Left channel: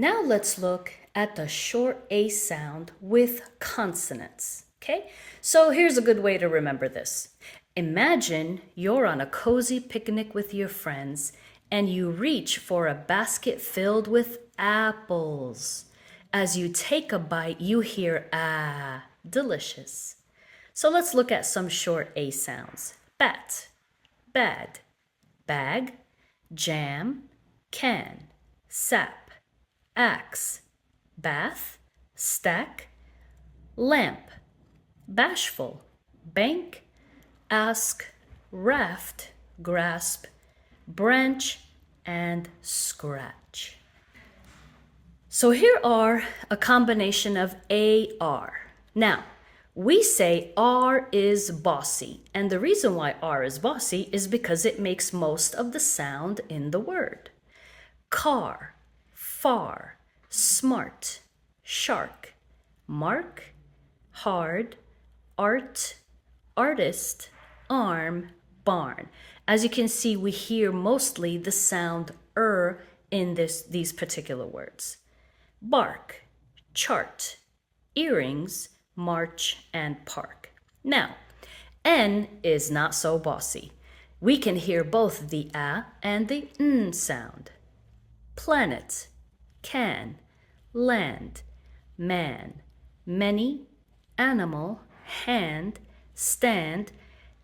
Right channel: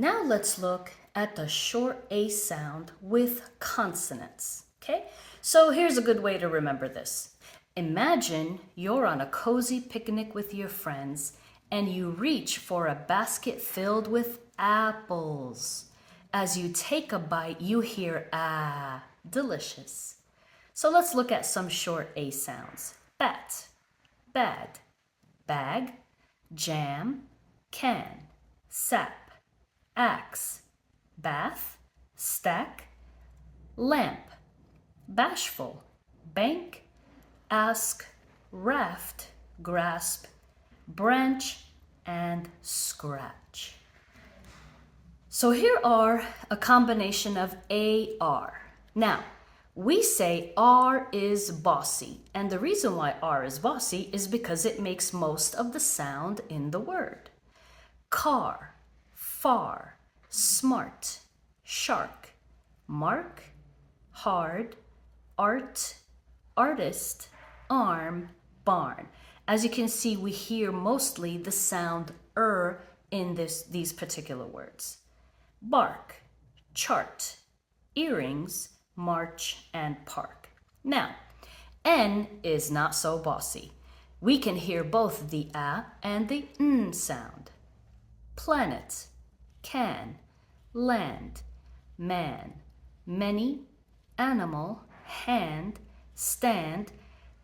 Now let's look at the short A sound with consonants, okay? So here's a good way to remember this. Imagine you're on a cozy picnic with your friends and you reach for a basket filled with apples. As you take a bite, you hear ah, delicious. So let's look at some short A sounds. Bat, bad, bag, jam, can, sap, axe, bath, stack, lamp, bashful, bank, ask, raft, grasp, branch, and scratch. So here are a combination of AR. Now, we say R is bossy, and the reason why R is bossy is because it makes most of the sound in the word. Car, far, smart, shark, mark, hard, art, artist, arm, barn. As you can see, we hear mostly the sound in these particular words. Bark, chart, earrings, march, and park. Now, N is not so bossy. We can hear both the A and the N sound. Planet, can, land, man, many, animal, hand, stand,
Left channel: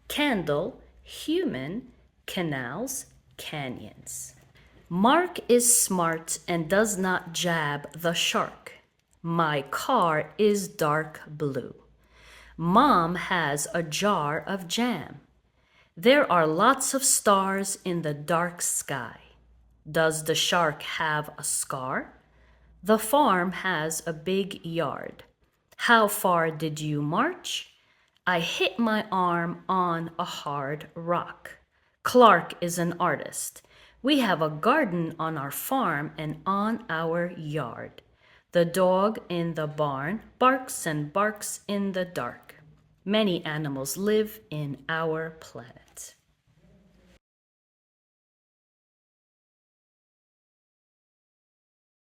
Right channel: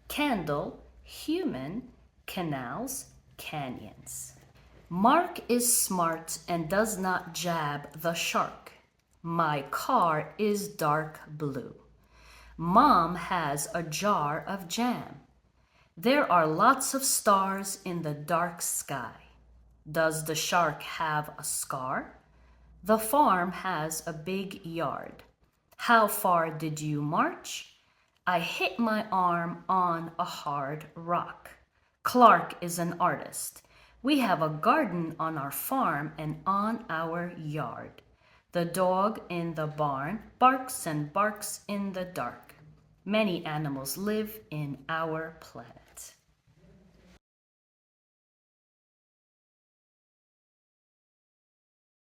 candle, human, canals, canyons. Mark is smart and does not jab the shark. My car is dark blue. Mom has a jar of jam. There are lots of stars in the dark sky. Does the shark have a scar? The farm has a big yard. How far did you march? I hit my arm on a hard rock. Clark is an artist. We have a garden on our farm and on our yard. The dog in the barn barks and barks in the dark. Many animals live in our planet.